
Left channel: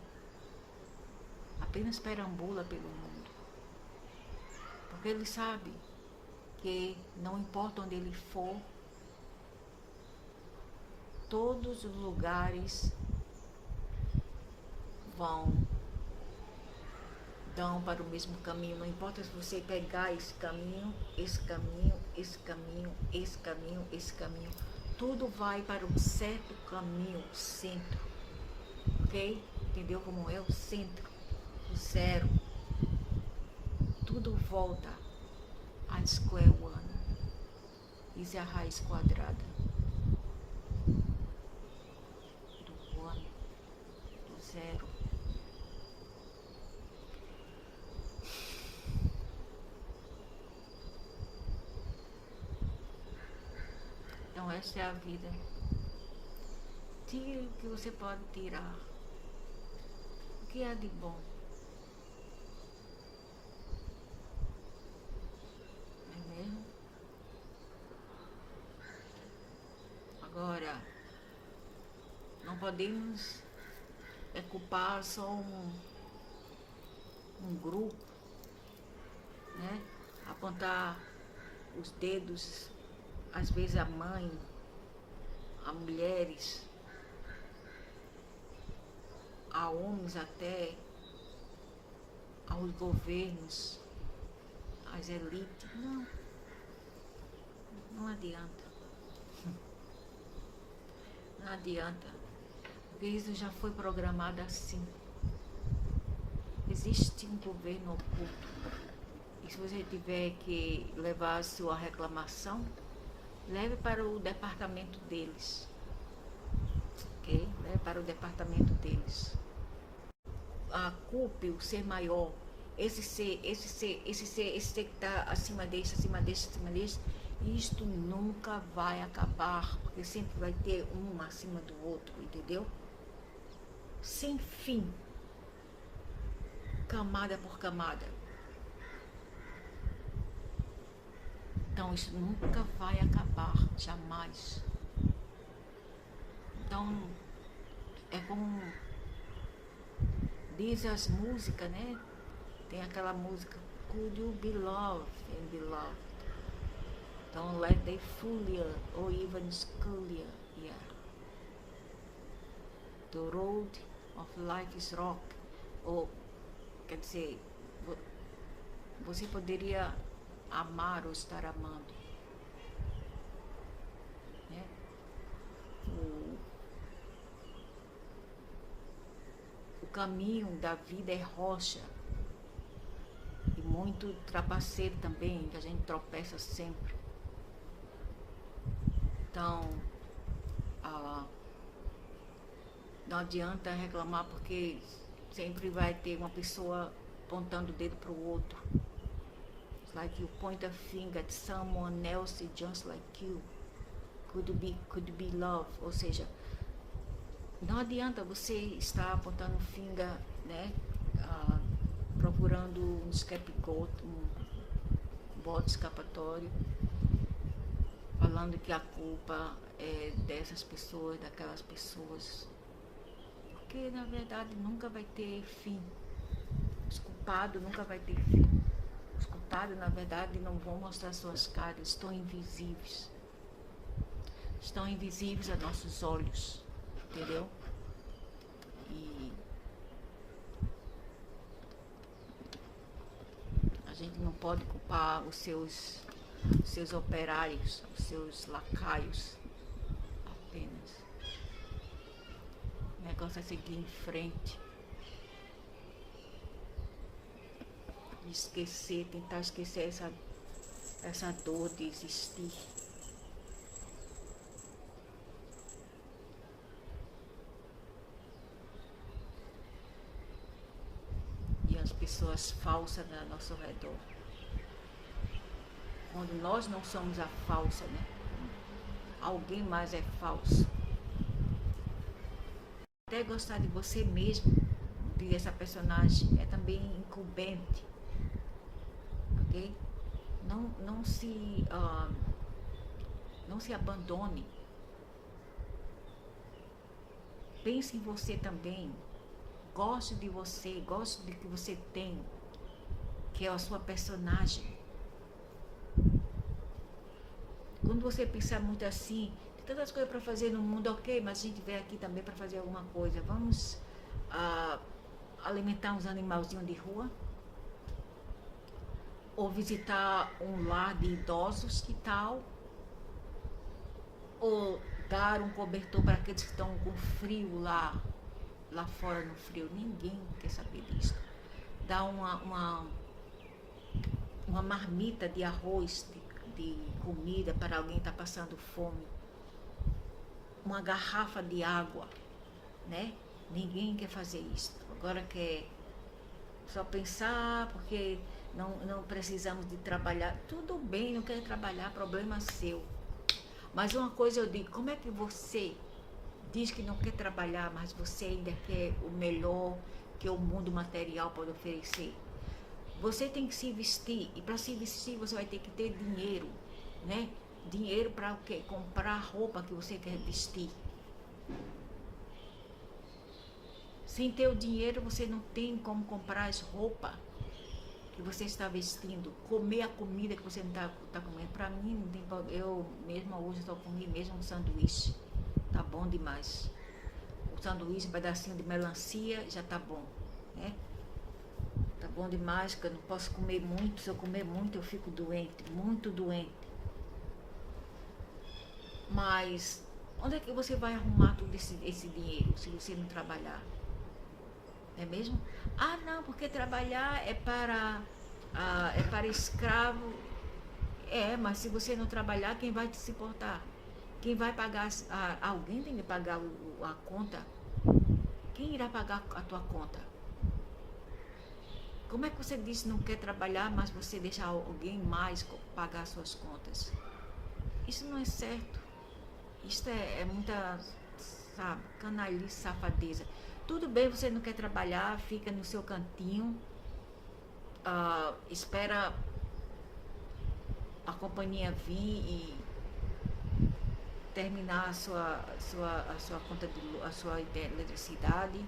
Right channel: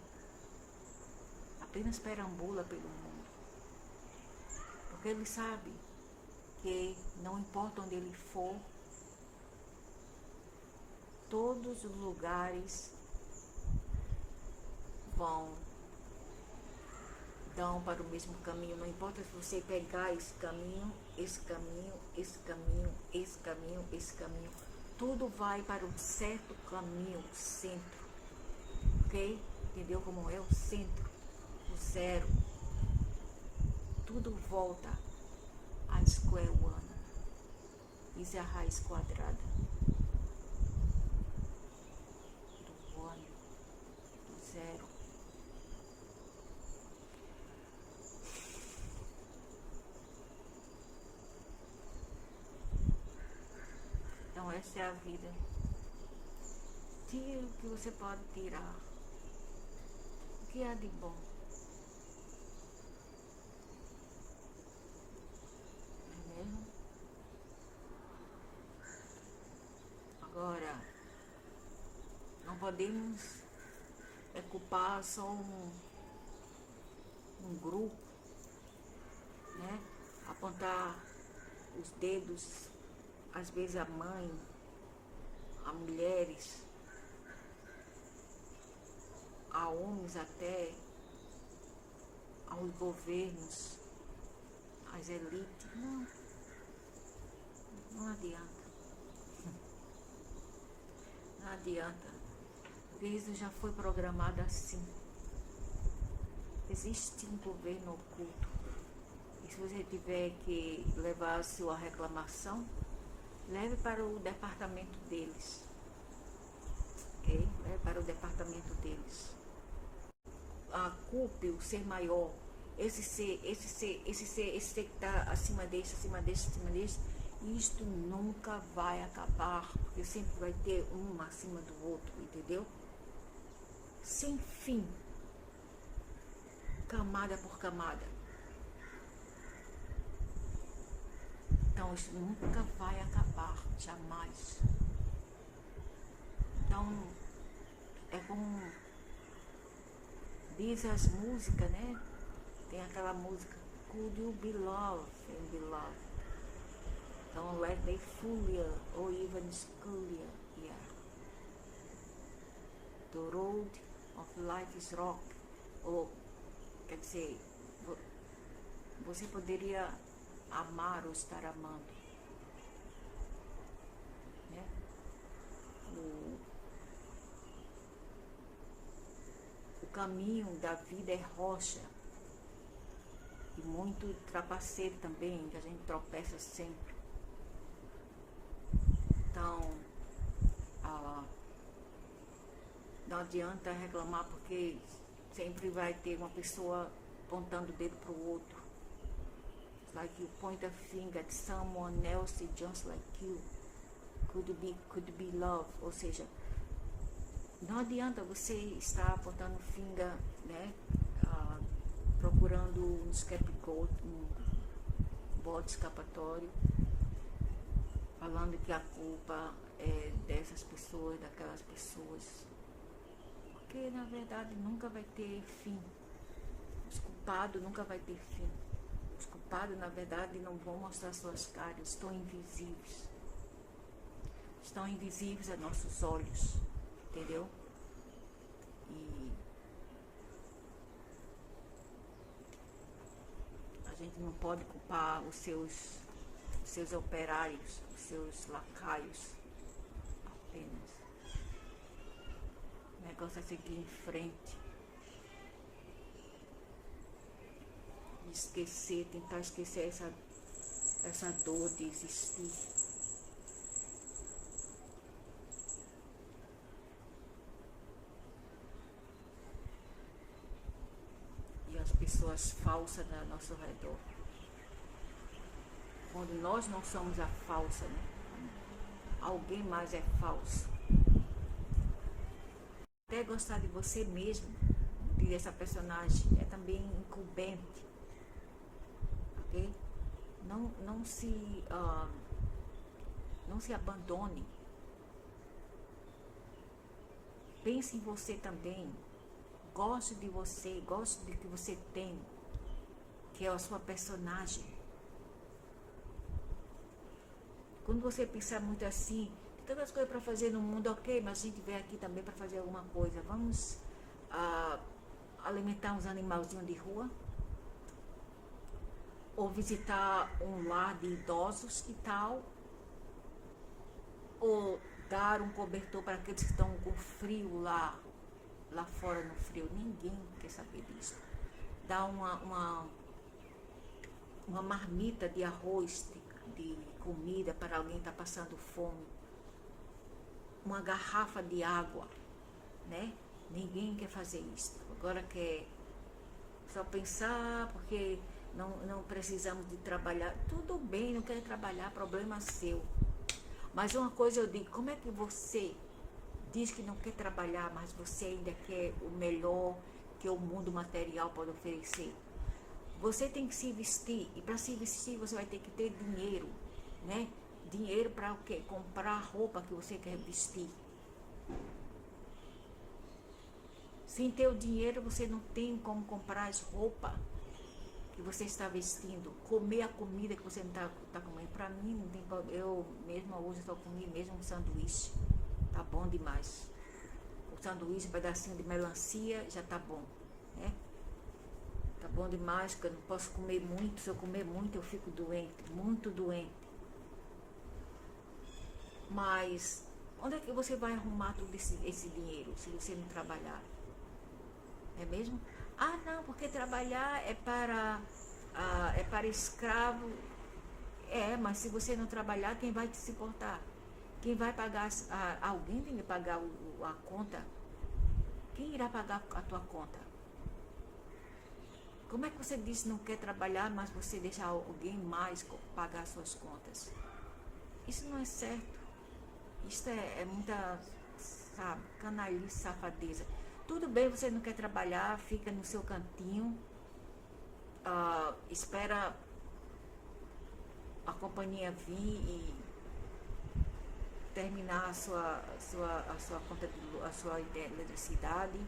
apenas perambula pelo mundo, porque ele sabe que não importa onde ele for, todos os lugares dão para o mesmo caminho. Não importa se você pegar esse caminho, tudo vai para um certo caminho, o centro, ok? Entendeu como é o centro, o zero? Tudo volta a square one, isso é a raiz quadrada do one, do zero. Então essa é a vida. Tire o que você pode tirar. O que há de bom? Não é mesmo? Agora, não podemos culpar só um grupo, né? Apontar os dedos, às vezes a mãe, a mulheres, a homens até, aos governos, às elites. Não adianta. Não adianta, porque isso já foi programado assim. Existe um governo oculto, e se você tiver que levar a sua reclamação, leve para o departamento deles, ok? Leve para o departamento deles. Culpe o ser maior, esse ser que está acima desse, Isto nunca vai acabar, porque sempre vai ter um acima do outro, entendeu? Sem fim, camada por camada. Então isso nunca vai acabar, jamais. Então, é como diz as músicas, né? Tem aquela música, Could you be loved and be loved? Don't let they fool you or even school you. Yeah. The road of life is rock. Ou, quer dizer, você poderia amar ou estar amando, né? O caminho da vida é rocha e muito trapaceiro também, que a gente tropeça sempre. Então, não adianta reclamar, porque sempre vai ter uma pessoa apontando o dedo para o outro. It's like you point a finger at someone else just like you. Could be love. Ou seja, não adianta você estar apontando o finger, né? Procurando um scapegoat, um bode escapatório, falando que a culpa é dessas pessoas, daquelas pessoas. Porque na verdade nunca vai ter fim. Os culpados nunca vai ter fim. Os culpados, na verdade, não vão mostrar suas caras, estão invisíveis. Estão invisíveis a nossos olhos, entendeu? E a gente não pode culpar os seus operários, os seus lacaios apenas. O negócio é seguir em frente. Esquecer, tentar esquecer essa dor de existir. E as pessoas falsas ao nosso redor. Quando nós não somos a falsa, né? Alguém mais é falso. Até gostar de você mesmo, de essa personagem, é também incumbente. Ok? Não se abandone. Pense em você também. Goste de você, goste do que você tem, que é a sua personagem. Quando você pensar muito assim, tem tantas coisas para fazer no mundo, ok, mas a gente veio aqui também para fazer alguma coisa. Vamos alimentar uns animalzinhos de rua, ou visitar um lar de idosos, que tal? Ou dar um cobertor para aqueles que estão com frio lá fora no frio. Ninguém quer saber disso. Dar uma marmita de arroz, de comida para alguém que está passando fome. Uma garrafa de água, né? Ninguém quer fazer isso. Agora quer só pensar, porque não precisamos de trabalhar. Tudo bem, não quer trabalhar, problema seu. Mas uma coisa eu digo, como é que você diz que não quer trabalhar, mas você ainda quer o melhor que o mundo material pode oferecer? Você tem que se vestir, e para se vestir você vai ter que ter dinheiro, né? Dinheiro para o quê? Comprar a roupa que você quer vestir. Sem ter o dinheiro, você não tem como comprar as roupas que você está vestindo, comer a comida que você não está comendo. Para mim, não tem problema. Eu mesma hoje estou comendo mesmo um sanduíche. Tá bom demais. O sanduíche, um pedacinho de melancia, já tá bom, né? Tá bom demais, porque eu não posso comer muito. Se eu comer muito, eu fico doente, muito doente. Mas onde é que você vai arrumar todo esse dinheiro se você não trabalhar? É mesmo? Ah, não, porque trabalhar é para escravo. É, mas se você não trabalhar, quem vai te suportar? Quem vai pagar? Alguém tem que pagar a conta? Quem irá pagar a tua conta? Como é que você diz que não quer trabalhar, mas você deixa alguém mais pagar suas contas? Isso não é certo. Isso é muita, sabe, canalice, safadeza. Tudo bem, você não quer trabalhar, fica no seu cantinho, espera a companhia vir e terminar a sua conta a sua eletricidade,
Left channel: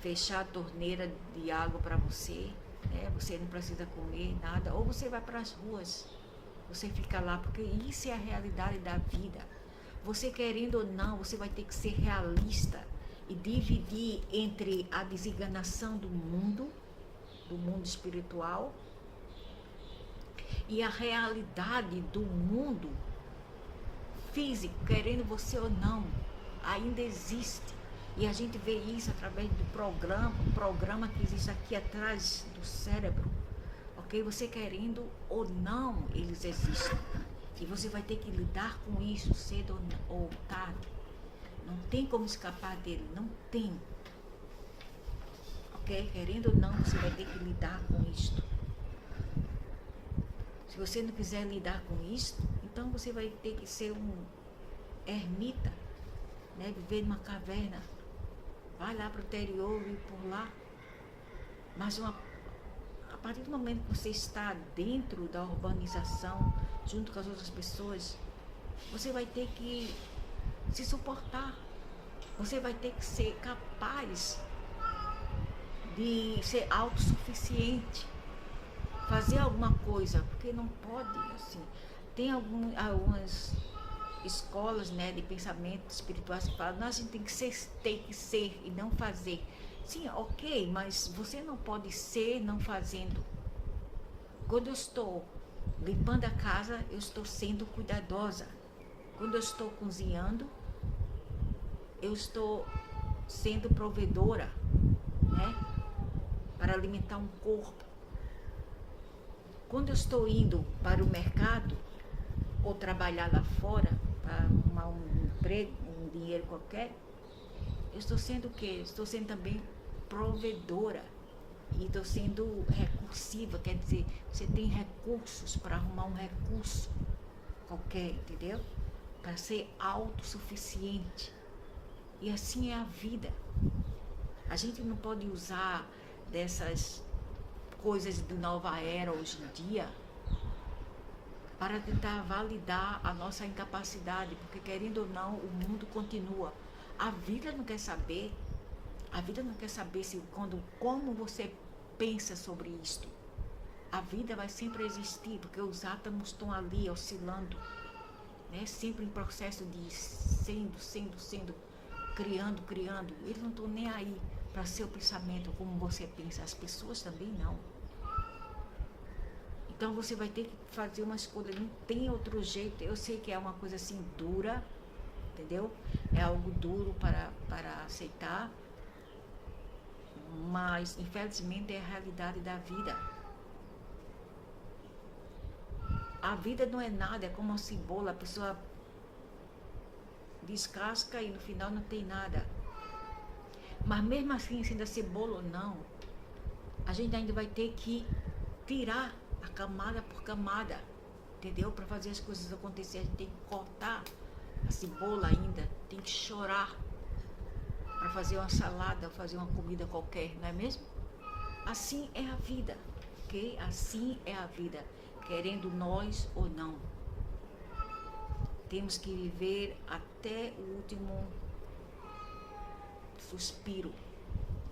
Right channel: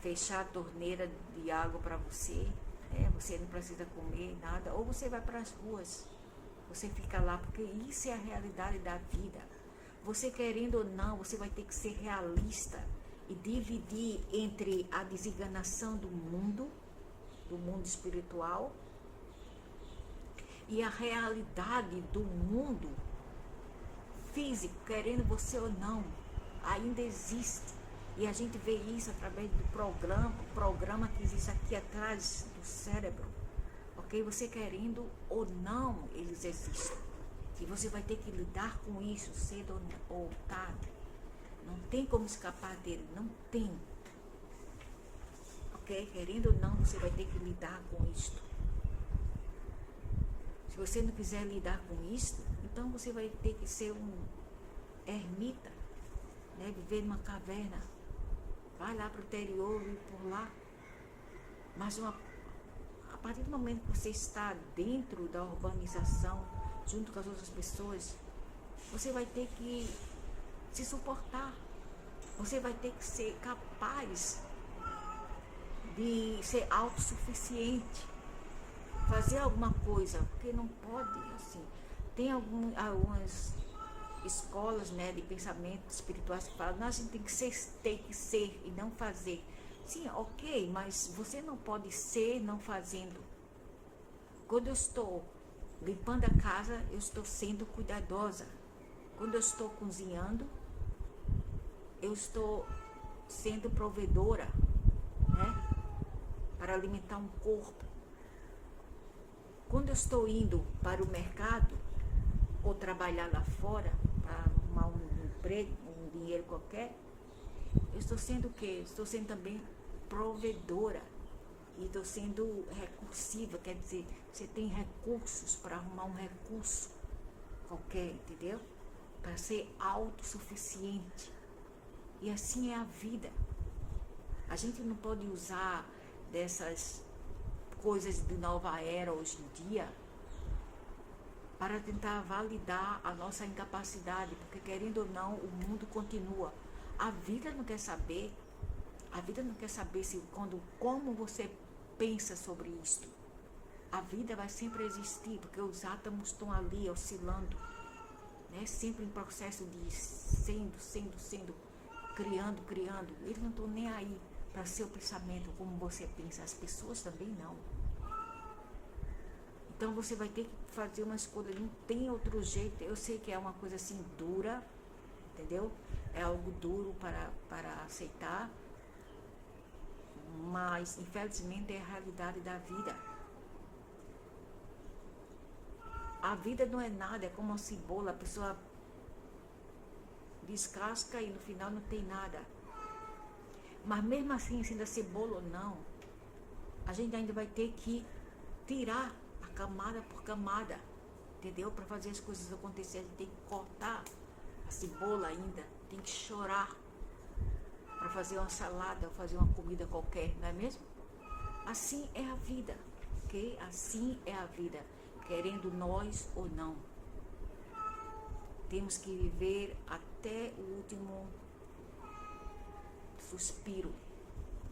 fechar a torneira de água para você, né? Você não precisa comer nada, ou você vai para as ruas, você fica lá, porque isso é a realidade da vida. Você querendo ou não, você vai ter que ser realista e dividir entre a desenganação do mundo espiritual, e a realidade do mundo físico, querendo você ou não, ainda existe. E a gente vê isso através do programa que existe aqui atrás do cérebro, ok? Você querendo ou não, eles existem. E você vai ter que lidar com isso cedo ou tarde. Não tem como escapar dele, não tem. Ok? Querendo ou não, você vai ter que lidar com isto. Se você não quiser lidar com isto, então você vai ter que ser um ermita, né? Viver numa caverna. Vai lá para o interior e por lá. Mas a partir do momento que você está dentro da urbanização, junto com as outras pessoas, você vai ter que se suportar. Você vai ter que ser capaz de ser autossuficiente, fazer alguma coisa, porque não pode, assim. Tem algumas escolas, né, de pensamento espirituais que falam, a gente tem que ser e não fazer. Sim, ok, mas você não pode ser não fazendo. Quando eu estou limpando a casa, eu estou sendo cuidadosa. Quando eu estou cozinhando, eu estou sendo provedora, né, para alimentar um corpo. Quando eu estou indo para o mercado ou trabalhar lá fora para arrumar um emprego, um dinheiro qualquer, eu estou sendo o quê? Estou sendo também provedora e estou sendo recursiva, quer dizer, você tem recursos para arrumar um recurso qualquer, entendeu? Para ser autossuficiente. E assim é a vida. A gente não pode usar dessas coisas de nova era hoje em dia para tentar validar a nossa incapacidade, porque querendo ou não, o mundo continua. A vida não quer saber se como você pensa sobre isto. A vida vai sempre existir, porque os átomos estão ali oscilando, né? Sempre em processo de sendo, criando. Eles não estão nem aí para seu pensamento, como você pensa. As pessoas também não. Então você vai ter que fazer uma escolha, não tem outro jeito. Eu sei que é uma coisa assim dura, entendeu? É algo duro para aceitar, mas infelizmente é a realidade da vida. A vida não é nada, é como uma cebola, a pessoa descasca e no final não tem nada. Mas mesmo assim, sendo a cebola ou não, a gente ainda vai ter que tirar a camada por camada, entendeu? Para fazer as coisas acontecer, a gente tem que cortar a cebola ainda, tem que chorar para fazer uma salada ou fazer uma comida qualquer, não é mesmo? Assim é a vida, ok? Assim é a vida, querendo nós ou não. Temos que viver até o último suspiro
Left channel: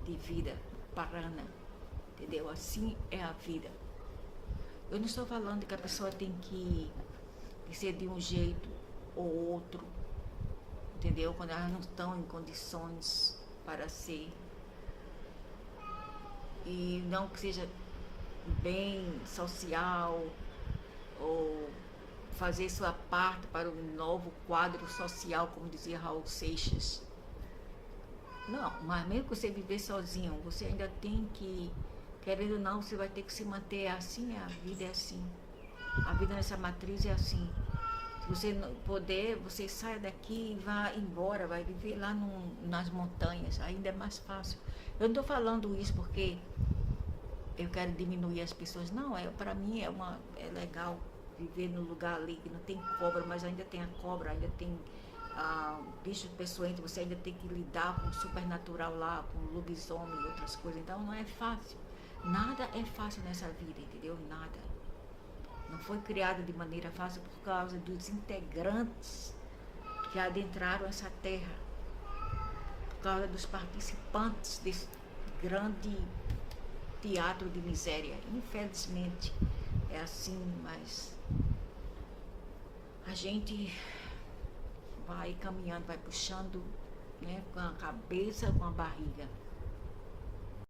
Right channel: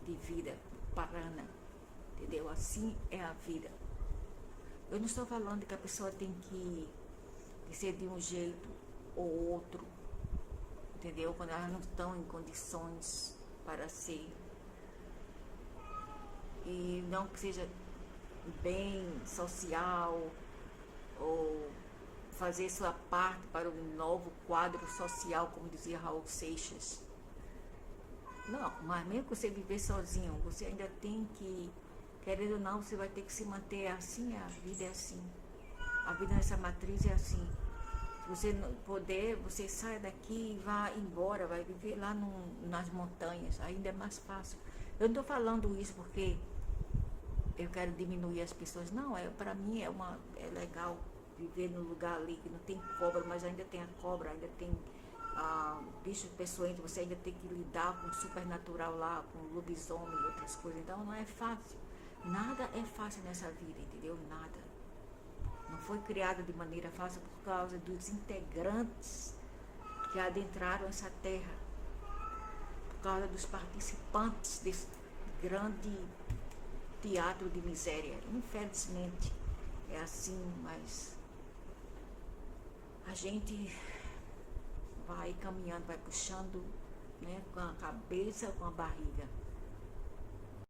de vida, parana, entendeu? Assim é a vida. Eu não estou falando que a pessoa tem que ser de um jeito ou outro, entendeu? Quando elas não estão em condições para ser. E não que seja bem social ou fazer sua parte para um novo quadro social, como dizia Raul Seixas. Não, mas mesmo que você viver sozinho, você ainda tem que, querendo ou não, você vai ter que se manter assim, a vida é assim. A vida nessa matriz é assim. Se você não puder, você sai daqui e vai embora, vai viver lá nas montanhas, ainda é mais fácil. Eu não estou falando isso porque eu quero diminuir as pessoas, não, para mim é legal viver num lugar ali que não tem cobra, mas ainda tem a cobra, ainda tem bicho peçonhento, você ainda tem que lidar com o supernatural lá, com lobisomem e outras coisas. Então não é fácil. Nada é fácil nessa vida, entendeu? Nada. Não foi criada de maneira fácil por causa dos integrantes que adentraram essa terra, por causa dos participantes desse grande teatro de miséria. Infelizmente é assim, mas a gente vai caminhando, vai puxando, né, com a cabeça, com a barriga.